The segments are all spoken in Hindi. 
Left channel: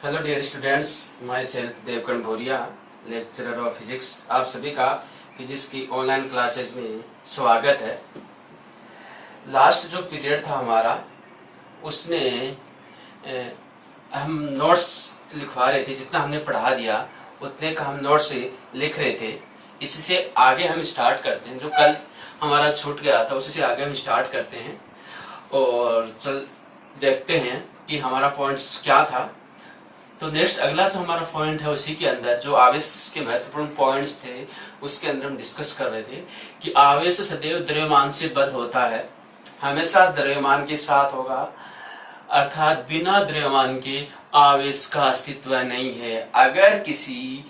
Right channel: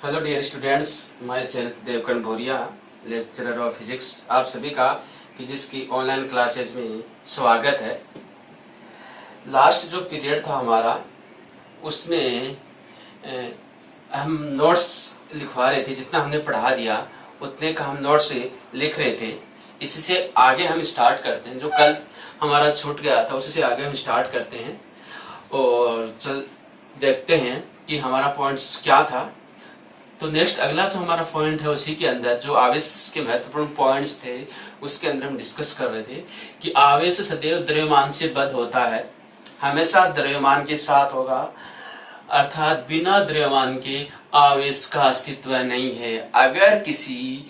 Hello dear students, myself Devkaran Bhoria, lecturer of physics. आप सभी का फिजिक्स की ऑनलाइन क्लासेस में स्वागत है। लास्ट जो पीरियड था हमारा, उसमें हम नोट्स लिखवा रहे थे। जितना हमने पढ़ा दिया उतने का हम नोट्स लिख रहे थे। इसी से आगे हम स्टार्ट करते हैं। जो कल हमारा छूट गया था उसी से आगे हम स्टार्ट करते हैं और चल देखते हैं कि हमारा पॉइंट्स क्या था। तो नेक्स्ट अगला जो हमारा पॉइंट है, उसी के अंदर जो आवेश के महत्वपूर्ण पॉइंट्स थे उसके अंदर हम डिस्कस कर रहे थे कि आवेश सदैव द्रव्यमान से बद्ध होता है, हमेशा द्रव्यमान के साथ होगा, अर्थात बिना द्रव्यमान के आवेश का अस्तित्व नहीं है। अगर किसी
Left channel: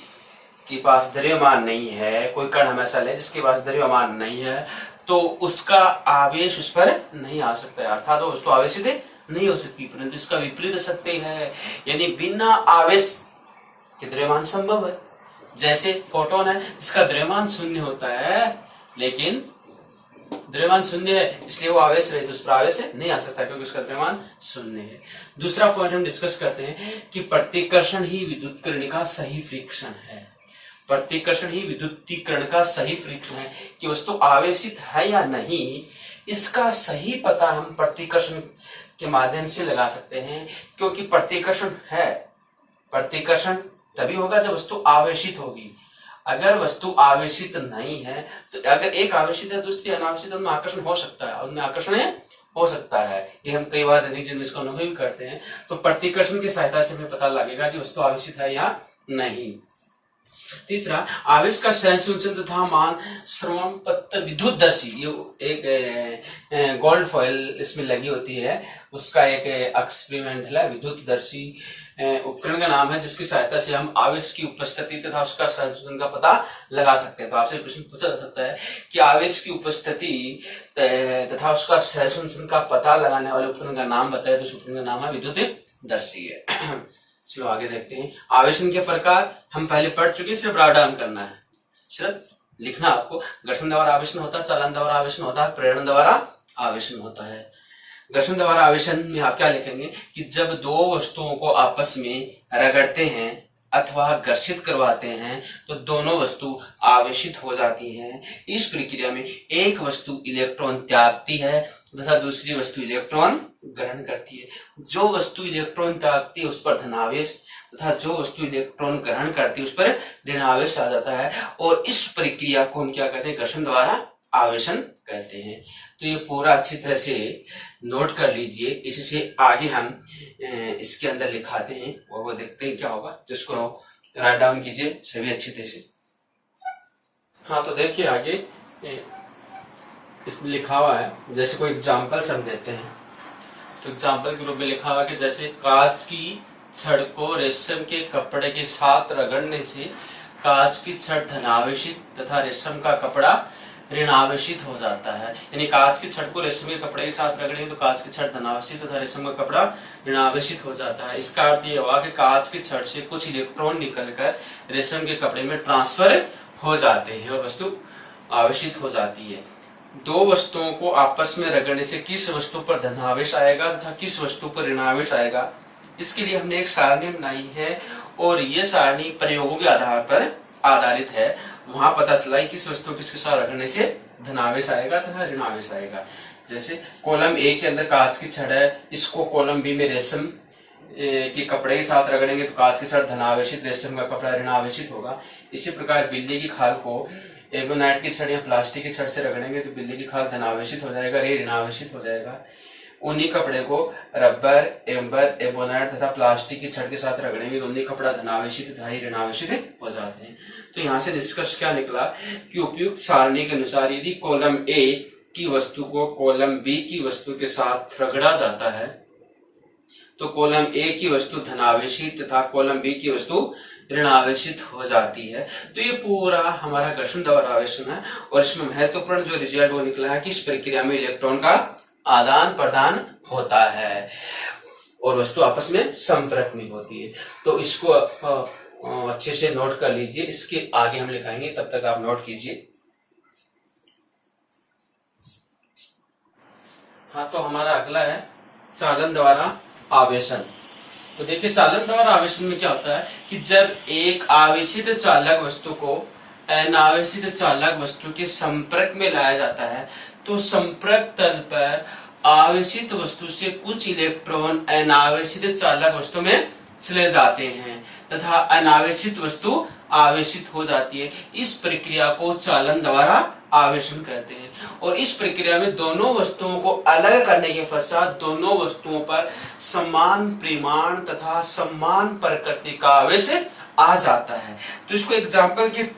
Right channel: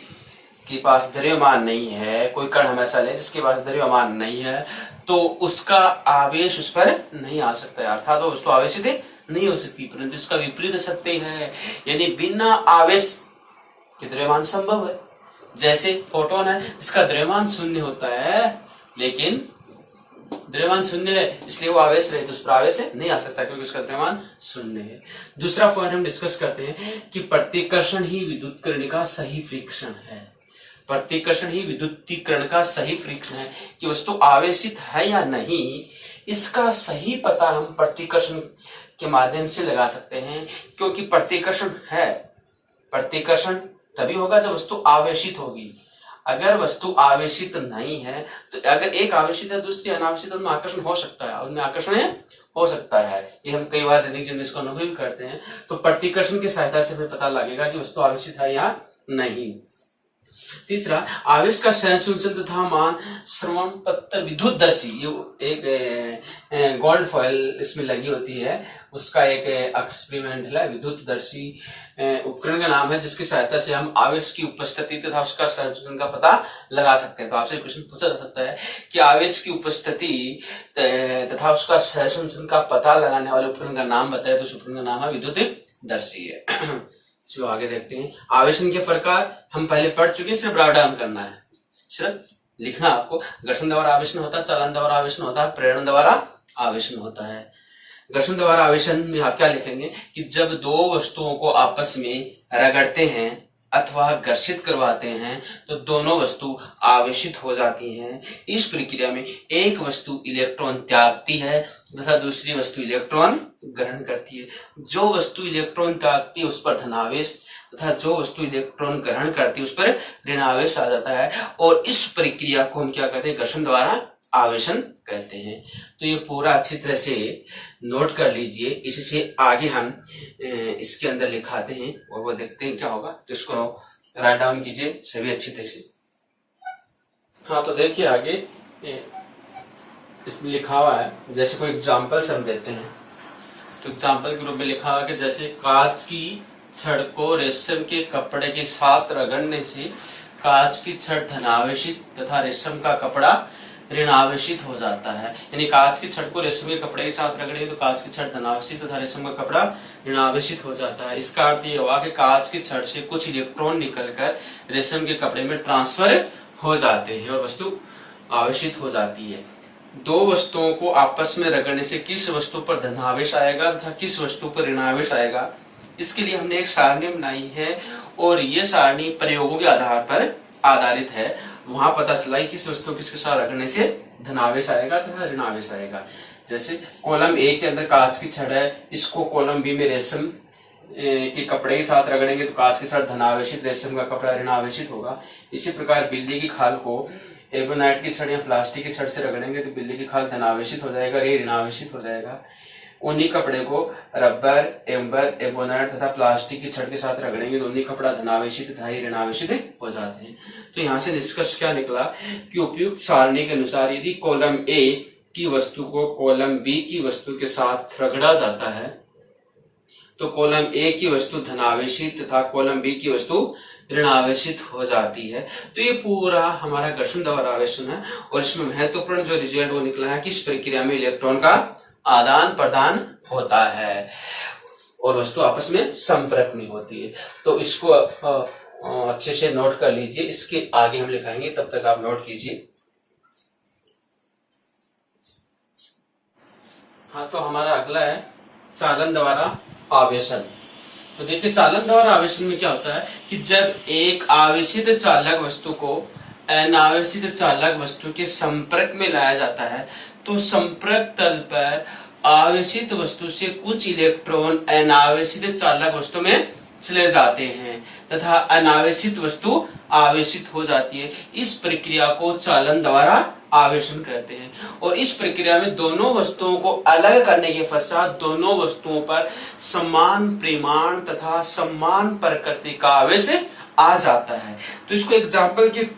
के पास द्रव्यमान नहीं है, कोई कण हमेशा ले जिसके पास द्रव्यमान नहीं है, तो उसका आवेश उस पर नहीं आ सकता है, अर्थात वो उसको आवेशित नहीं हो सकती। परंतु इसका विपरीत सत्य है, यानी बिना आवेश के द्रव्यमान संभव है। जैसे फोटोन है, इसका द्रव्यमान शून्य होता है, लेकिन द्रव्यमान शून्य है इसलिए वो आवेश रहित उस पर आवेश नहीं आ सकता क्योंकि उसका द्रव्यमान शून्य है। दूसरा पॉइंट हम डिस्कस करते हैं कि प्रतिकर्षण ही विद्युतीकरण का सही फ्रिक्शन है। प्रतिकर्षण ही विद्युतीकरण का सही फ्रिक्शन है कि वस्तु आवेशित है या नहीं, इसका सही पता हम प्रतिकर्षण के माध्यम से लगा सकते हैं। क्योंकि प्रतिकर्षण है, प्रतिकर्षण तभी होगा जब वस्तु आवेशित होगी। अगर वस्तु आवेशित नहीं है तो अगर एक आवेशित है दूसरी अनावेशित, उनमें आकर्षण हो सकता है, उनमें आकर्षण हो सकता है। ये हम कई बार दैनिक जीवन में इसको अनुभव करते हैं। तो प्रतिकर्षण की सहायता से हमें पता लगेगा कि वस्तु आवेशित है या नहीं। तीसरा, आवेश का सहसंचलन तथा मान श्रवण पत्र विद्युतदर्शी, ये एक गोल्ड फॉइल इसमें लगी होती है, उसका एक एक्सपेरिमेंटल है, विद्युतदर्शी उपकरण का नाम है, जिसकी सहायता से हम आवेश की उपस्थिति तथा उसका सहसंचलन का पता लगा सकते हैं। तो आपसे प्रश्न पूछा जा सकता है कि आवेश की उपस्थिति तथा उसका सहसंचलन का पता लगाने वाले उपकरण का नाम बताए, तो उस उपकरण का नाम है विद्युतदर्शी है। चलो आगे देखते हैं। आवेशन के प्रकार हम पहले पढ़ चुके, सिर्फ राइट डाउन करना है, सिर्फ लिखना आपको। घर्षण द्वारा आवेशन होता है, चालन द्वारा आवेशन होता है, प्रेरण द्वारा आवेशन होता है। घर्षण द्वारा आवेशन में आप क्या लिखेंगे कि जब दो वस्तुओं को आपस में रगड़ते हैं अथवा घर्षित करवाते हैं तो दोनों वस्तु आवेशित हो जाती हैं। इस प्रक्रिया में एक वस्तु इलेक्ट्रॉन त्यागती है तथा दूसरी वस्तु इलेक्ट्रॉन ग्रहण करती है। जो वस्तु इलेक्ट्रॉन त्यागती है उस पर धनावेश तथा जो वस्तु इलेक्ट्रॉन ग्रहण करती है उस पर ऋणावेश आ जाता है, और इस प्रक्रिया को हम क्या कहते हैं? घर्षण द्वारा आवेशन कहते हैं। तो ये पूरा अच्छी तरह से नोट कर लीजिए। इससे आगे हम इसके अंदर लिखाते हैं और वो देखते हैं क्या होगा। तो इसको राइट डाउन कीजिए सभी अच्छी तरह से। हाँ, तो देखिए आगे इसमें लिखा हुआ है, जैसे कोई एग्जाम्पल्स हम देते हैं तो एग्जाम्पल के रूप में लिखा हुआ है कि जैसे कांच की छड़ को रेशम के कपड़े के साथ रगड़ने से कांच की छड़ धनावेशित तथा रेशम का कपड़ा ऋणावेशित हो जाता है। यानी कांच की छड़ को रेशम के कपड़े के साथ रगड़े तो कांच की छड़ धनावेशित तथा रेशम का कपड़ा ऋणावेशित हो जाता है। इसका अर्थ ये हुआ कि कांच की छड़ से कुछ इलेक्ट्रॉन निकलकर रेशम के कपड़े में ट्रांसफर हो जाते हैं और वस्तु आवेशित हो जाती है। दो वस्तुओं को आपस में रगड़ने से किस वस्तु पर धनावेश आएगा तथा किस वस्तु पर ऋणावेश आएगा, इसके लिए हमने एक सारणी बनाई है और ये सारणी प्रयोगों के आधार पर आधारित है। वहां पता चला कि किस वस्तु किसके साथ रगड़ने से धनावेश आएगा तथा ऋणावेश आएगा। जैसे कॉलम ए के अंदर कांच की छड़ है, इसको कॉलम बी में रेशम के कपड़े के साथ रगड़ेंगे तो कांच की छड़ धनावेशित, रेशम का कपड़ा ऋणावेशित होगा। इसी प्रकार बिल्ली की खाल को एबोनाइट की छड़ या प्लास्टिक की छड़ से रगड़ेंगे तो बिल्ली की खाल धनावेशित हो जाएगा, रे ऋणावेशित हो जाएगा। ऊनी कपड़े को रबर, एम्बर, एबोनाइट तथा प्लास्टिक की छड़ के साथ रगड़ेंगे तो ऊनी कपड़ा धनावेशित तथा ऋणावेशित हो जाते हैं। तो यहाँ से निष्कर्ष क्या निकला कि उपयुक्त सारणी के अनुसार यदि कॉलम ए की वस्तु को कॉलम बी की वस्तु के साथ रगड़ा जाता है तो कॉलम ए की वस्तु धनावेशित तथा कॉलम बी की वस्तु ऋणावेशित हो जाती है। तो ये पूरा हमारा घर्षण द्वारा आवेशन है और इसमें महत्वपूर्ण जो रिजल्ट वो निकला है कि इस प्रक्रिया में इलेक्ट्रॉन का आदान प्रदान होता है और वस्तु आपस में संपर्क में होती है। तो इसको अच्छे से नोट कर लीजिए, इसके आगे हम लिखाएंगे, तब तक आप नोट कीजिए। हाँ, तो हमारा अगला है चालन द्वारा आवेशन। तो देखिए चालन द्वारा आवेशन में क्या होता है कि जब एक आवेशित चालक वस्तु को अनावेशित चालक वस्तु के संपर्क में लाया जाता है तो संपर्क तल पर आवेशित वस्तु से कुछ इलेक्ट्रॉन अनावेशित चालक वस्तु में चले जाते हैं तथा अनावेशित वस्तु आवेशित हो जाती है। इस प्रक्रिया को चालन द्वारा आवेशन कहते हैं और इस प्रक्रिया में दोनों वस्तुओं को अलग करने के पश्चात दोनों वस्तुओं पर समान परिमाण तथा समान प्रकृति का आवेश आ जाता है। तो इसको एग्जाम्पल के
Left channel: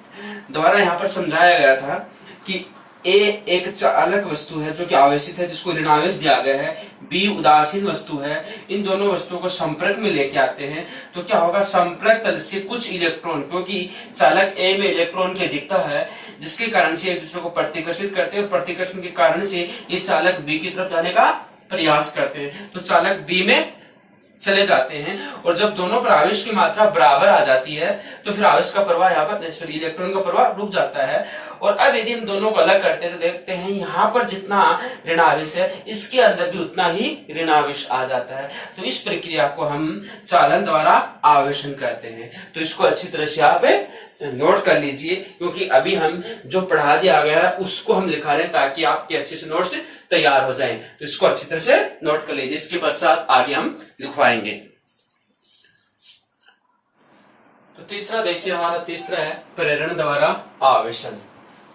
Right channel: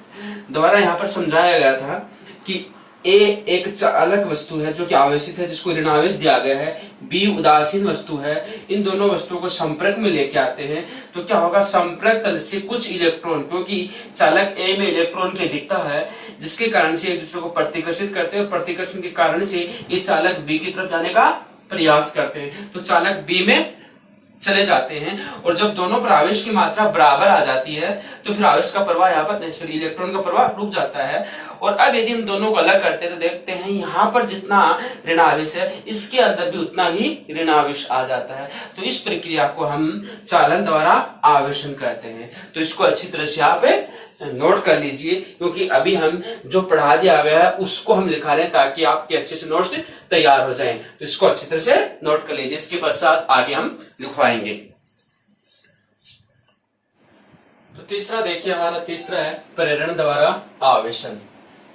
द्वारा यहाँ पर समझाया गया था कि ए एक चालक वस्तु है जो कि आवेशित है जिसको ऋणावेश दिया गया है, बी उदासीन वस्तु है। इन दोनों वस्तुओं को संपर्क में लेके आते हैं तो क्या होगा, संपर्क तल से कुछ इलेक्ट्रॉन, क्योंकि चालक ए में इलेक्ट्रॉन की अधिकता है जिसके कारण से एक दूसरे को प्रतिकर्षित करते हैं और प्रतिकर्षण के कारण से ये चालक बी की तरफ जाने का प्रयास करते हैं तो चालक बी में चले जाते हैं और जब दोनों पर आवेश की मात्रा बराबर आ जाती है तो फिर आवेश का प्रवाह यहाँ पर इलेक्ट्रॉन का प्रवाह रुक जाता है। और अब यदि हम दोनों को अलग करते हैं तो देखते हैं यहाँ पर जितना ऋणावेश है इसके अंदर भी उतना ही ऋणावेश आ जाता है। तो इस प्रक्रिया को हम चालन द्वारा आवेशन कहते हैं। तो इसको अच्छी तरह से आप नोट कर लीजिए क्योंकि अभी हम जो पढ़ा दिया गया है उसको हम लिखा रहे हैं ताकि आपके अच्छे से नोट्स तैयार हो जाएं। तो इसको अच्छी तरह से नोट कर लीजिए, इसके पश्चात आगे हम लिखवाएंगे। तो तीसरा देखिए, हमारा तीसरा है प्रेरण द्वारा आवेशन।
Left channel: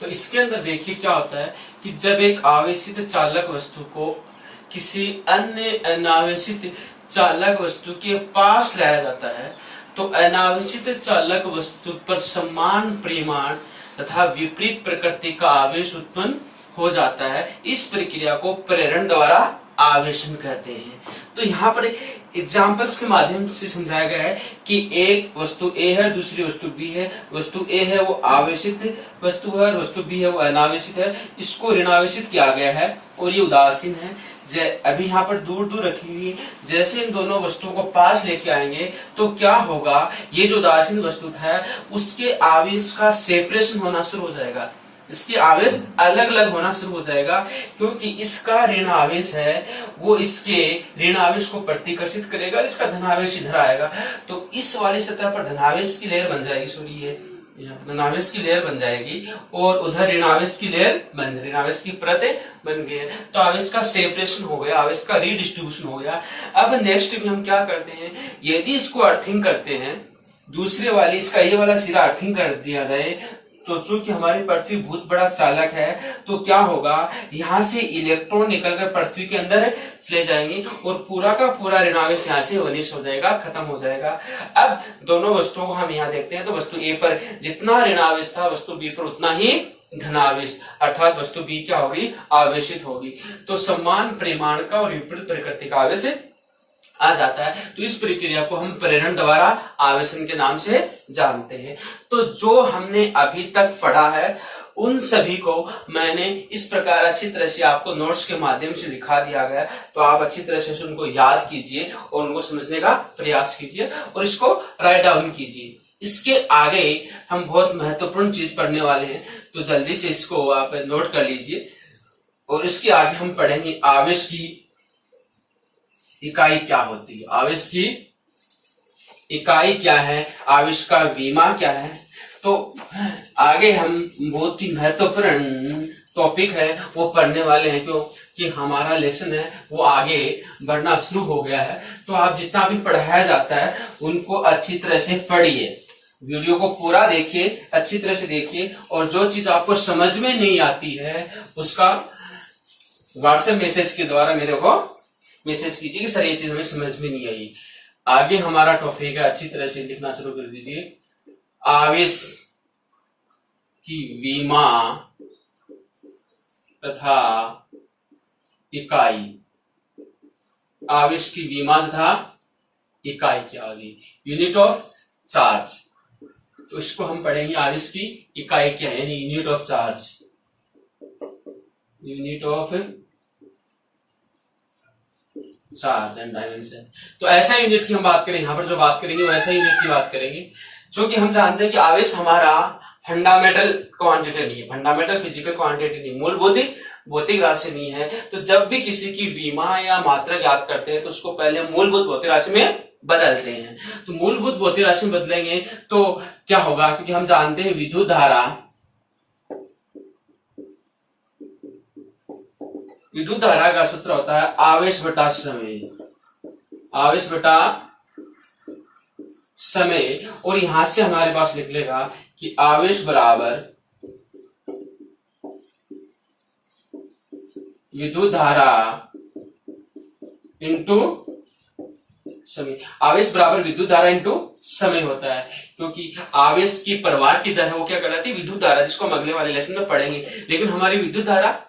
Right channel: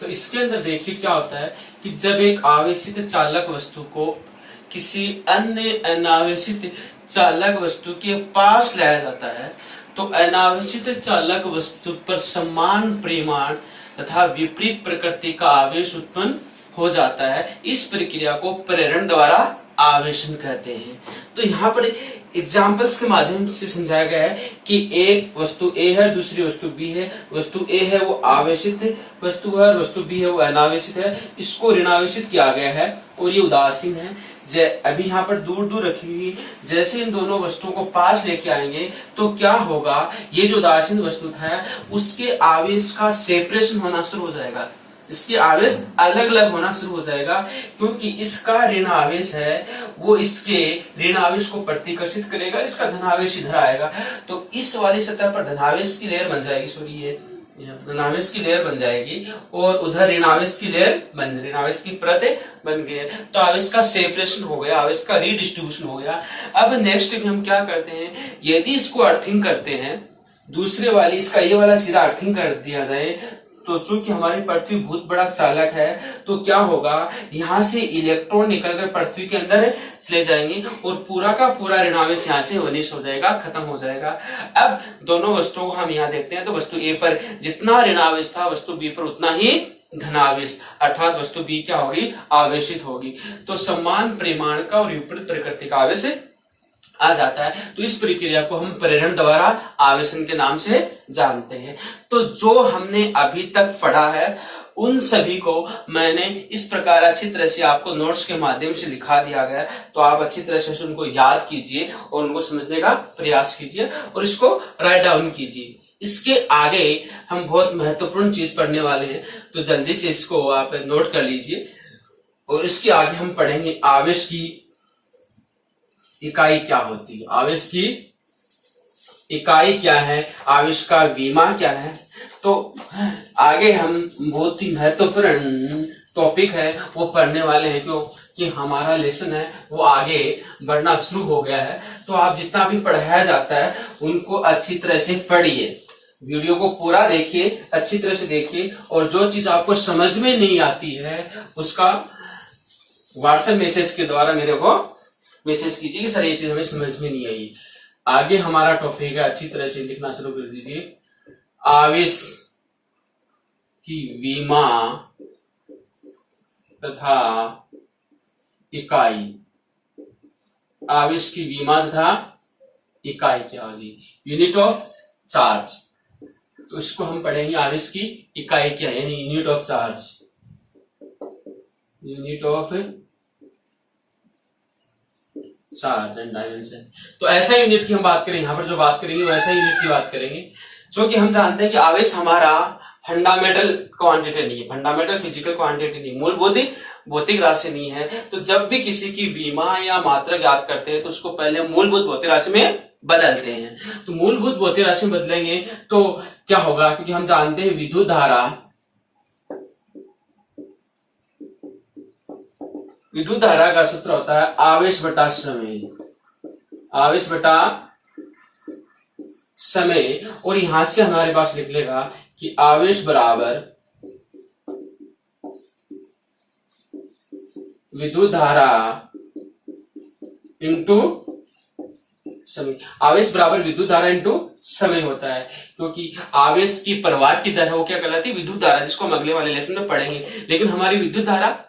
तो इसके अंदर देखिए क्या होता है कि जब एक आवेशित चालक वस्तु को किसी अन्य अनावेशित चालक वस्तु के पास लाया जाता है तो अनावेशित चालक वस्तु पर समान परिमाण तथा विपरीत प्रकृति का आवेश उत्पन्न हो जाता है। इस प्रक्रिया को प्रेरण द्वारा आवेशन कहते हैं। तो यहाँ पर एग्जाम्पल्स के माध्यम से समझाया गया है कि एक वस्तु ए है, दूसरी वस्तु बी है। वस्तु ए है वो आवेशित वस्तु है और वस्तु बी है वो अनावेशित है। इसको ऋणावेशित किया गया है और ये उदासीन है। अभी यहाँ पर दूर दूर रखी हुई, जैसे इन दोनों वस्तुओं को पास लेके आएंगे तो क्या होगा, ये जो उदासीन वस्तु था उसके आवेश का सेपरेशन होना शुरू हो जाएगा, इसके आवेश अलग अलग होना शुरू हो जाएगा क्योंकि इसका ऋण आवेश है वो इसके ऋण आवेश को प्रतिकर्षित करेगा, इसका धनावेश इधर आएगा तो इस वाली सतह पर धनावेश की लेयर बन जाएगी। सॉरी, ये धनावेश की लेयर बन जाएगी और उधर ऋणावेश की लेयर ऋणावेश की परत बन गई है। तो आवेश का सेपरेशन हो गया, आवेश का रीडिस्ट्रीब्यूशन हो गया। अब नेक्स्ट भी हम क्या करते हैं, यदि इसको अर्थिंग करते हैं, दूसरे वाली इसका ये वाला सिरा अर्थिंग कर दिया जाए तो चूंकि हमारी पृथ्वी बहुत बड़ा चालक है तो क्या होगा, यहाँ से इलेक्ट्रॉन निकलकर पृथ्वी के अंदर चले जाएंगे और पूरा का पूरा ऋणावेश यहाँ से वनिश हो जाएगा, खत्म हो जाएगा। अब दोनों वस्तुओं को हम यहाँ देखते हैं तो वस्तु ए पर जितना ऋणावेश था वस्तु बी पर उतना ही धनावेश, अर्थात वस्तु बी क्या होगी, आवेशित होगी। तो समान परिमाण का और विपरीत प्रकृति का आवेश आ जाता है। तो इस प्रक्रिया को हम प्रेरण द्वारा आवेशन के नाम से जानते हैं। तो जो हमने अभी तक पढ़ा है उन सभी को मैंने इस प्रकार अच्छी तरह से आपको नोट्स के माध्यम से लिखा दिया गया, तो आप अच्छी तरह से उनको याद कीजिए और उनको समझने का प्रयास कीजिए और इसको राइट डाउन कीजिए। इसके आगे हम बहुत महत्वपूर्ण चीज पढ़ने वाले हैं तो जल्दी से इसको आप नोट कर लीजिए और इसके आगे हम पढ़ेंगे आवेश की इकाई क्या होती है, आवेश की इकाई क्या है, आवेश का विमा क्या है। तो आगे हम बहुत ही महत्वपूर्ण टॉपिक है वो पढ़ने वाले हैं क्योंकि हमारा लेसन है वो आगे बढ़ना शुरू हो गया है। तो आप जितना भी पढ़ाया जाता है उनको अच्छी तरह से पढ़िए, वीडियो को पूरा देखिए, अच्छी तरह से देखिए और जो चीज आपको समझ में नहीं आती है उसका व्हाट्सएप मैसेज के द्वारा मेरे को मैसेज कीजिए कि सर ये चीज हमें समझ में नहीं आई। आगे हमारा टॉपिक है, अच्छी तरह से लिखना शुरू कर दीजिए, आवेश की विमा तथा इकाई। आवेश की विमा तथा इकाई क्या होगी, यूनिट ऑफ चार्ज। तो इसको हम पढ़ेंगे, आवेश की इकाई क्या है, यानी unit of charge, unit of charge and dimension. तो ऐसा यूनिट की हम बात करेंगे, यहाँ पर जो बात करेंगे वो ऐसा यूनिट की बात करेंगे जो कि हम जानते हैं कि आवेश हमारा फंडामेंटल क्वांटिटी नहीं है, फंडामेंटल फिजिकल क्वांटिटी नहीं, मूलभूत भौतिक राशि नहीं है। तो जब भी किसी की विमा या मात्रा ज्ञात करते हैं तो उसको पहले मूलभूत भौतिक राशि में बदलते हैं। तो मूलभूत भौतिक राशि में बदलेंगे तो क्या होगा, क्योंकि हम जानते हैं विद्युत धारा, विद्युत धारा का सूत्र होता है आवेश बटा समय, आवेश बटा समय। और यहां से हमारे पास लिख लेगा कि आवेश बराबर विद्युत धारा इंटू समय। आवेश बराबर विद्युत धारा इंटू समय होता है, क्योंकि आवेश की प्रवाह की दर है वो क्या कहलाती है, विद्युत धारा, जिसको हम अगले वाले लेसन में पढ़ेंगे। लेकिन हमारी विद्युत धारा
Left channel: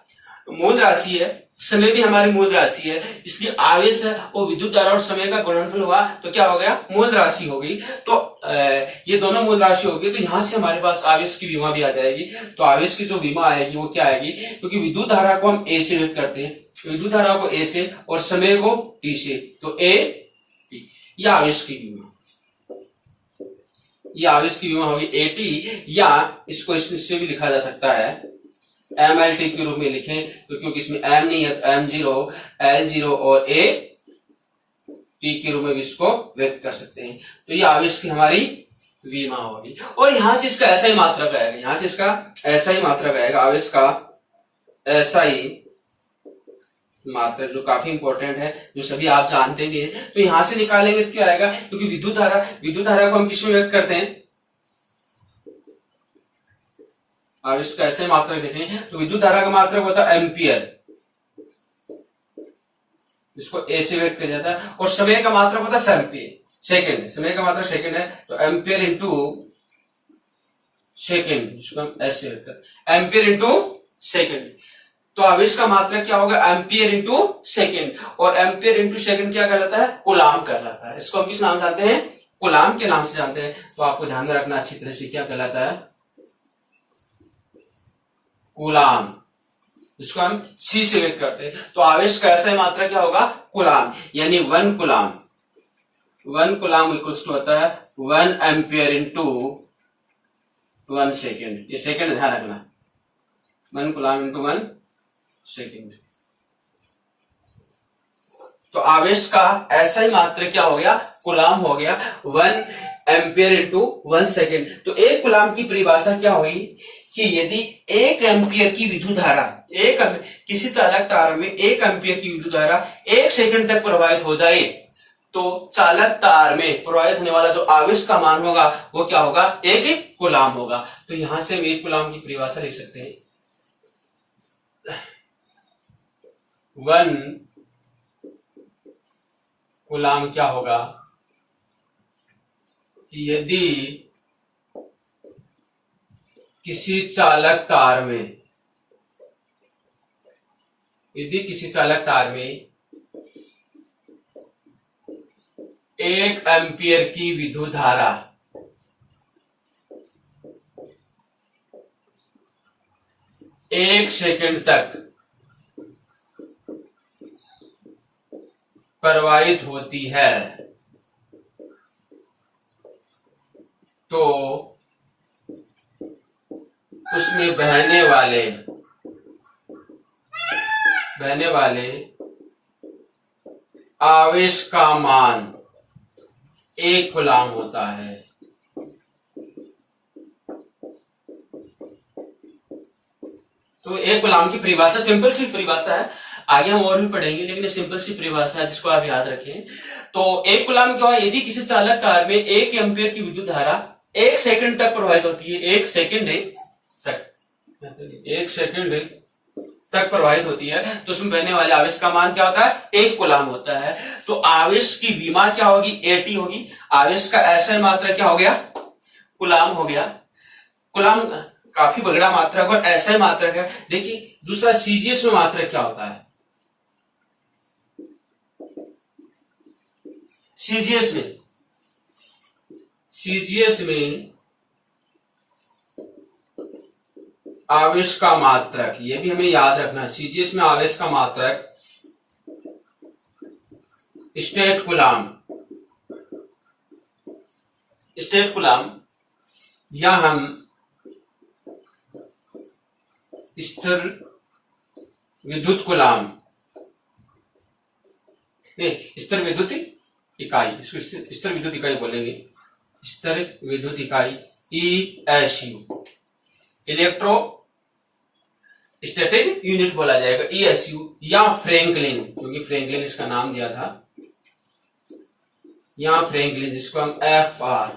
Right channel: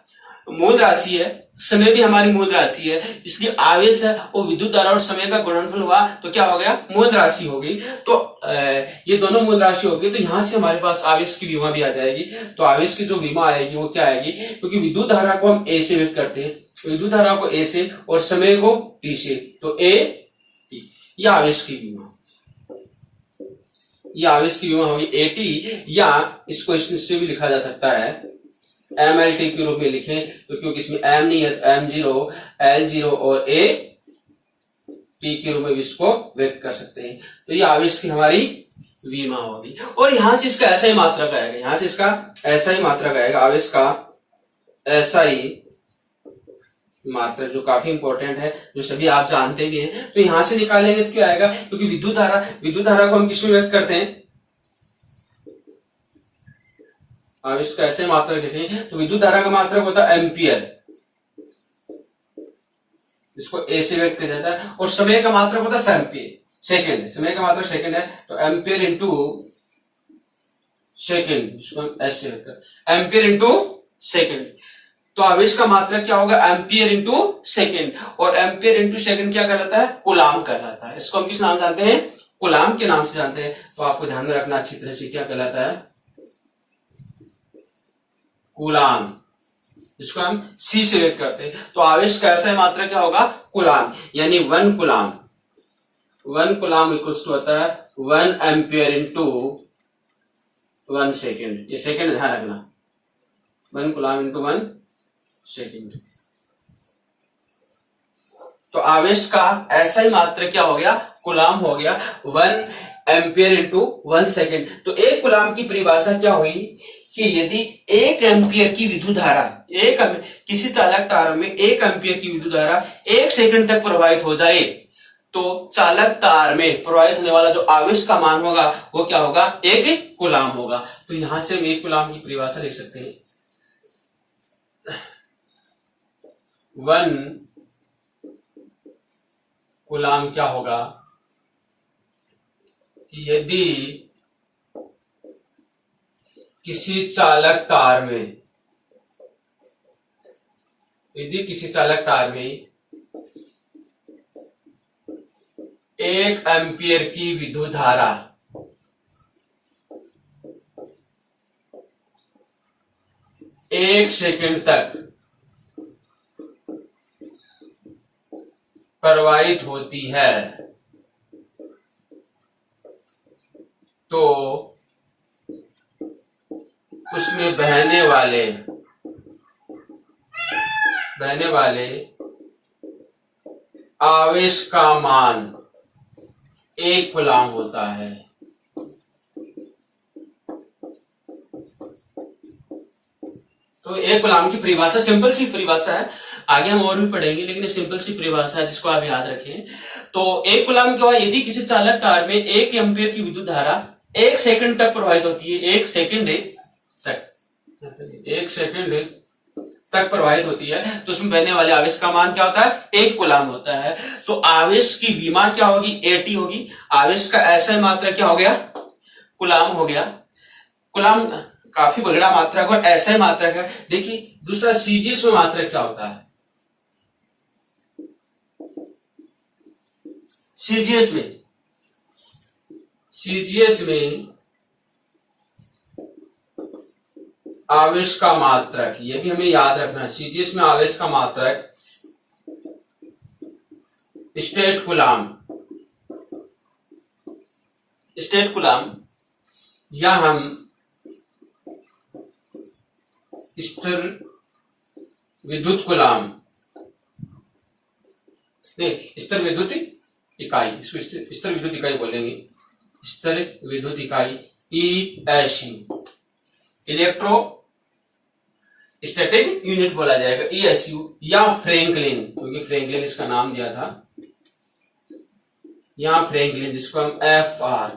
मूल राशि है, समय भी हमारी मूल राशि है, इसलिए आवेश है और विद्युत धारा और समय का गुणनफल हुआ तो क्या हो गया, मूल राशि हो गई। तो ये दोनों मूल राशि हो गई, तो यहां से हमारे पास आवेश की विमा भी आ जाएगी। तो आवेश की जो विमा आएगी वो क्या आएगी, क्योंकि विद्युत धारा को हम ए से व्यक्त करते हैं, विद्युत धारा को ए से और समय को टी से, तो ए टी, यह आवेश की विमा, यह आवेश की विमा होगी ए टी, या इसको इससे भी लिखा जा सकता है एम एल टी के रूप में लिखें, तो क्योंकि इसमें एम नहीं है तो एम जीरो, एल जीरो और ए टी के रूप में भी इसको व्यक्त कर सकते हैं। तो ये आवेश की हमारी विमा होगी। और यहां से इसका ऐसा ही मात्रक आएगा, यहां से इसका ऐसा ही मात्रक आएगा, आवेश का ऐसा ही मात्रक, जो काफी इंपॉर्टेंट है, जो सभी आप जानते भी हैं। तो यहां से निकालेंगे तो क्या आएगा, क्योंकि विद्युत धारा को हम किसमें व्यक्त करते हैं, आवेश का ऐसे मात्रक देखें तो विद्युत धारा का मात्रक होता है एम्पियर, इसको ए से व्यक्त किया जाता है, और समय का मात्रक होता है सेकंड, समय का मात्रक सेकंड है, तो एम्पियर इंटू सेकंड, जिसको हम एस से व्यक्त करते हैं, एम्पियर इंटू सेकंड। तो आवेश का मात्रक क्या होगा, एम्पियर इंटू सेकंड, और एम्पियर इंटू सेकंड क्या कहलाता है, कूलाम कहलाता है। इसको हम किस नाम से जानते हैं, कूलाम के नाम से जानते हैं। तो आपको ध्यान में रखना अच्छी तरह से, क्या कहलाता है, कूलाम, जिसको हम सी से व्यक्त करते हैं। तो आवेश का ऐसा मात्रा क्या होगा, कूलाम, यानी 1 कूलाम, 1 कूलाम इक्वल्स टू होता है 1 एम्पियर इंटू 1 सेकेंड। ये सेकेंड ध्यान रखना, 1 कूलाम इंटू 1 सेकेंड। तो आवेश का ऐसा ही मात्रा क्या हो गया, कूलाम हो गया, 1 एम्पियर इंटू 1 सेकेंड। तो एक कूलाम की परिभाषा क्या हुई कि यदि 1 एम्पियर की विद्युत धारा, किसी चालक तार में 1 एम्पियर की विद्युत धारा 1 सेकंड तक प्रवाहित हो जाए, तो चालक तार में प्रवाहित होने वाला जो आवेश का मान होगा वो क्या होगा, 1 कूलाम होगा। तो यहां से हम 1 कूलाम की परिभाषा लिख सकते हैं, 1 कूलाम क्या होगा कि यदि किसी चालक तार में, यदि किसी चालक तार में 1 एम्पियर की विद्युत धारा 1 सेकंड तक प्रवाहित होती है, तो उसमें बहने वाले आवेश का मान 1 कूलाम होता है। तो 1 कूलाम की परिभाषा सिंपल सी परिभाषा है, आगे हम और भी पढ़ेंगे, लेकिन सिंपल सी परिभाषा है जिसको आप याद रखें। तो 1 कूलाम क्या हुआ, यदि किसी चालक तार में 1 एम्पियर की विद्युत धारा 1 सेकंड तक प्रवाहित होती है, 1 सेकंड तक प्रवाहित होती है, तो उसमें बहने वाले आवेश का मान क्या होता है, 1 कूलाम होता है। तो आवेश की विमा क्या होगी, एटी होगी। आवेश का ऐसा मात्रा क्या हो गया, कूलाम हो गया। कूलाम काफी बगड़ा मात्रक और ऐसा ही मात्रक है। देखिए दूसरा सीजीएस में मात्रक क्या होता है, सीजीएस में आवेश का मात्रक, ये भी हमें याद रखना है, सीजीएस में आवेश का मात्रक स्टेट कूलाम या हम स्थिर विद्युत कूलाम, नहीं स्थिर विद्युत इकाई, इसको स्तर विद्युत इकाई बोलेंगे, स्तर विद्युत इकाई ESU, इलेक्ट्रो स्टैटिक यूनिट बोला जाएगा ESU, या फ्रैंकलिन, क्योंकि फ्रैंकलिन इसका नाम दिया था, या फ्रैंकलिन जिसको हम FR।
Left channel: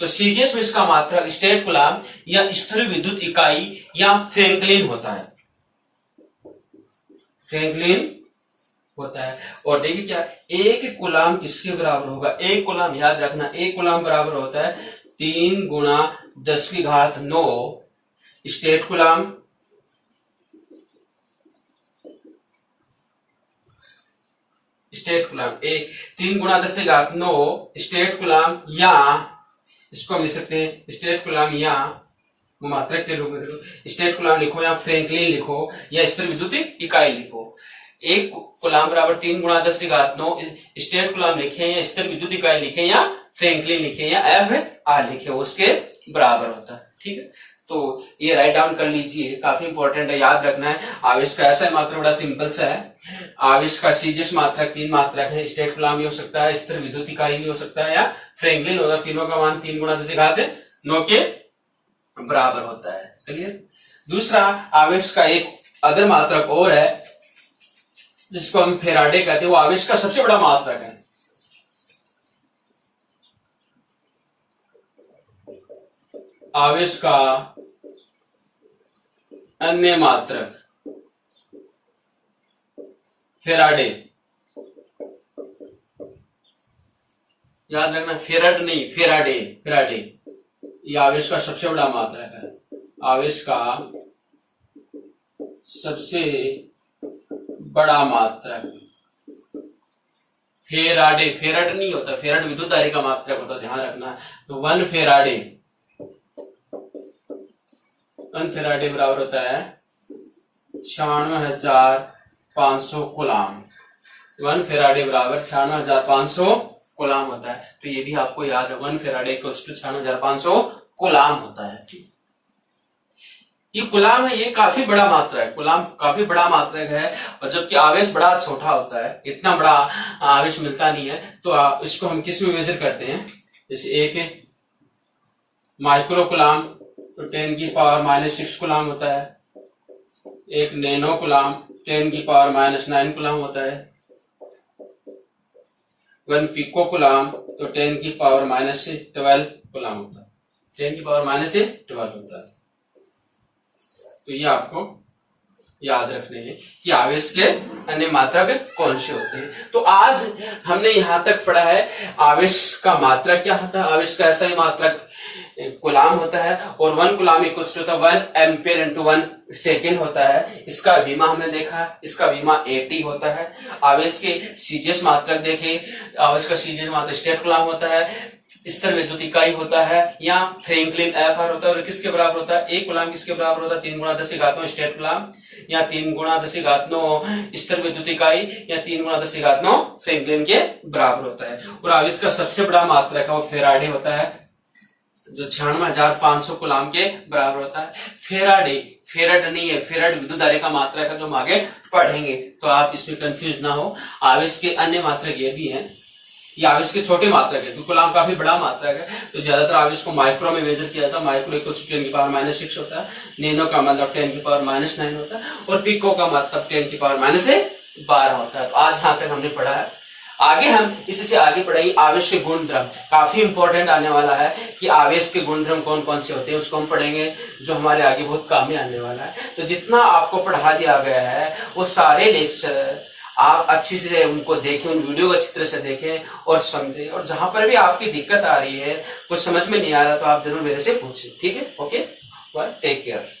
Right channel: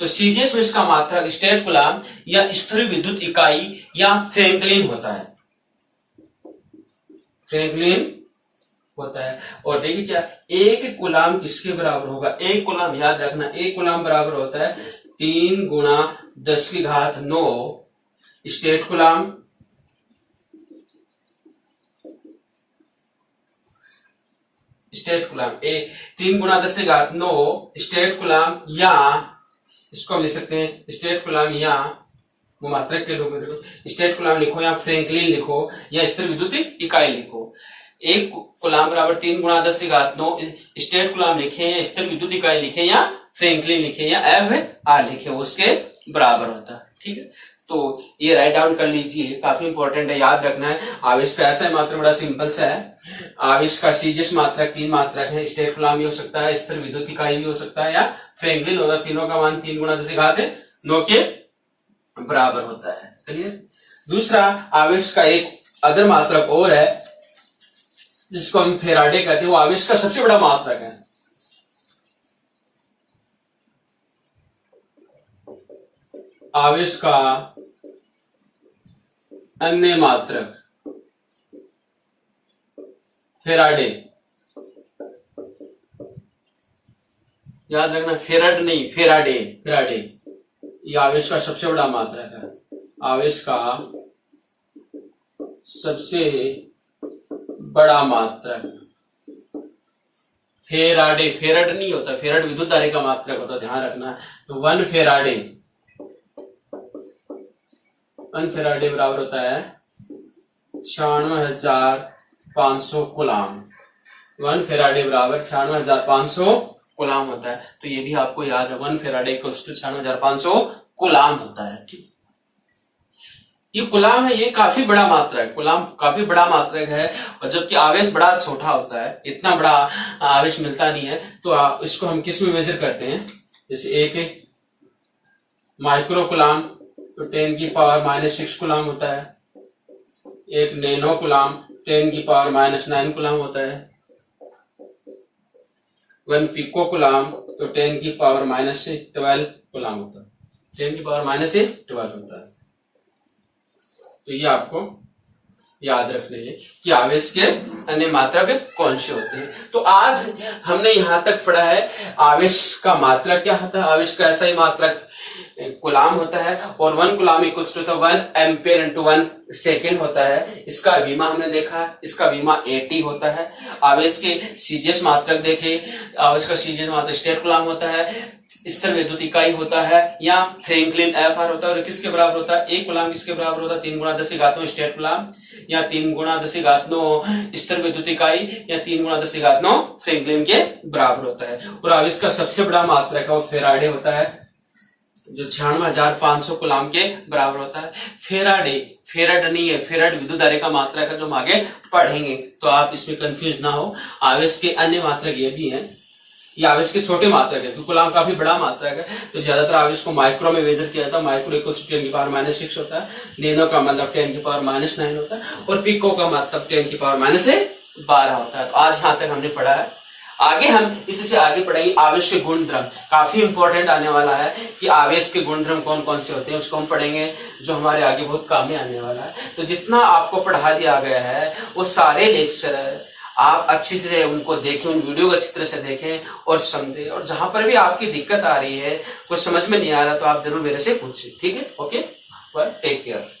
तो सीजीएस में इसका मात्रक स्टेट कूलाम या स्थिर विद्युत इकाई या फ्रैंकलिन होता है, फ्रैंकलिन होता है। और देखिए क्या, एक कूलाम किसके बराबर होगा, एक कूलाम, याद रखना एक कूलाम बराबर होता है 3 गुणा 10⁹ स्टेट कूलाम, स्टेट कूलाम, 3 गुणा 10⁹ स्टेट कूलाम, या इसको हम लिख सकते हैं स्टेट कूलाम या मात्रक के रूप में स्टेट कूलाम लिखो, या फ्रैंकलिन लिखो, या स्थिर विद्युत इकाई लिखो। एक कूलाम बराबर 3 गुणा 10⁹ स्टेट कूलाम लिखे, या स्थिर विद्युत इकाई लिखे, या फ्रैंकलिन लिखे, या FR लिखे, उसके बराबर होता है। ठीक है, तो ये राइट डाउन कर लीजिए, काफी इंपॉर्टेंट है, याद रखना है। आवेश का ऐसा मात्रक बड़ा सिंपल सा है। आवेश का सीजीएस मात्रक 3 मात्रक है, स्टेट कूलाम भी हो सकता है, स्थिर विद्युत इकाई भी हो सकता है, या फ्रैंकलिन होगा। तीनों का मान 3 गुणा 10⁹ के बराबर होता है। क्लियर। दूसरा आवेश का एक अदर मात्रक और है जिसको हम फेराडे कहते हैं, वो आवेश का सबसे बड़ा मात्रक है। आवेश का अन्य मात्रक फेराडे, याद रखना फेराड नहीं, फेराडे, फेराडे ये आवेश का सबसे बड़ा मात्रक है, आवेश का सबसे बड़ा मात्रक। फेराडे, फेराड नहीं होता, फेराड विद्युत धारा का मात्रक होता है, ध्यान रखना। तो 1 फेराडे, 1 फेराडे बराबर होता है 96,500 कूलाम। 1 फेराडे बराबर 96,500 कूलाम होता है। तो ये भी आपको याद है, 1 फेराडे को 96,500 कूलाम होता है। ठीक, ये कूलाम है, ये काफी बड़ा मात्रा है, कूलाम काफी बड़ा मात्रक है। और जबकि आवेश बड़ा छोटा होता है, इतना बड़ा आवेश मिलता नहीं है। तो इसको हम किस में मेजर करते हैं, जैसे एक माइक्रो कूलाम तो 10⁻⁻6 कूलाम होता है, एक नैनो कूलाम 10⁻⁻9 कूलाम होता है, 1 पिको कूलाम तो 10⁻⁻12 कूलाम होता है, 10⁻⁻12 होता है। तो ये आपको याद रखने हैं कि आवेश के अन्य मात्रक कौन से होते हैं। तो आज हमने यहां तक पढ़ा है आवेश का मात्रक क्या होता है, आवेश का ऐसा ही मात्रक कूलाम होता है, और 1 coulomb equals to 1 ampere into 1 second होता है। इसका विमा हमने देखा, इसका विमा AT होता है। आवेश के सीजीएस मात्रक देखे, आवेश का सीजीएस मात्रक स्टेट कूलाम होता है, स्थिर विद्युत इकाई होता है, या फ्रैंकलिन FR होता है। और किसके बराबर होता है, एक कूलाम किसके बराबर होता है, 3 गुणा 10⁻9 स्टेट कूलाम, या 3 गुणा 10⁻9 स्थिर विद्युत इकाई, या 3 गुणा 10⁻9 फ्रैंकलिन के बराबर होता है। और आवेश का सबसे बड़ा मात्रक है वो फेराडे होता है, जो 96,500 कूलाम के बराबर होता है। फेराडे, फेराड नहीं है, फेराड विद्युत धारा का मात्रक है, जो हम आगे पढ़ेंगे, तो आप इसमें कंफ्यूज ना हो। आवेश के अन्य मात्रक ये भी हैं, ये आवेश के छोटे मात्रक है, क्योंकि कूलाम काफी बड़ा मात्रक है। तो ज्यादातर आवेश को माइक्रो में मेजर किया जाता है, माइक्रो इक्वल्स 10⁻⁻6 होता है, नैनो का मतलब 10⁻⁻9 होता है, और पिको का मतलब 10⁻⁻12 होता है। तो आज यहाँ तक हमने पढ़ा है। आगे हम इसी से आगे पढ़ेंगे आवेश के गुणधर्म, काफी इंपॉर्टेंट आने वाला है कि आवेश के गुणधर्म कौन कौन से होते हैं, उसको हम पढ़ेंगे, जो हमारे आगे बहुत काम में आने वाला है। तो जितना आपको पढ़ा दिया गया है वो सारे लेक्चर आप अच्छी से उनको देखें, उन वीडियो को अच्छी तरह से देखें और समझें। और जहां पर भी आपकी दिक्कत आ रही है, कुछ समझ में नहीं आ रहा, तो आप जरूर मेरे से पूछें। ठीक है, ओके, बाय, टेक केयर।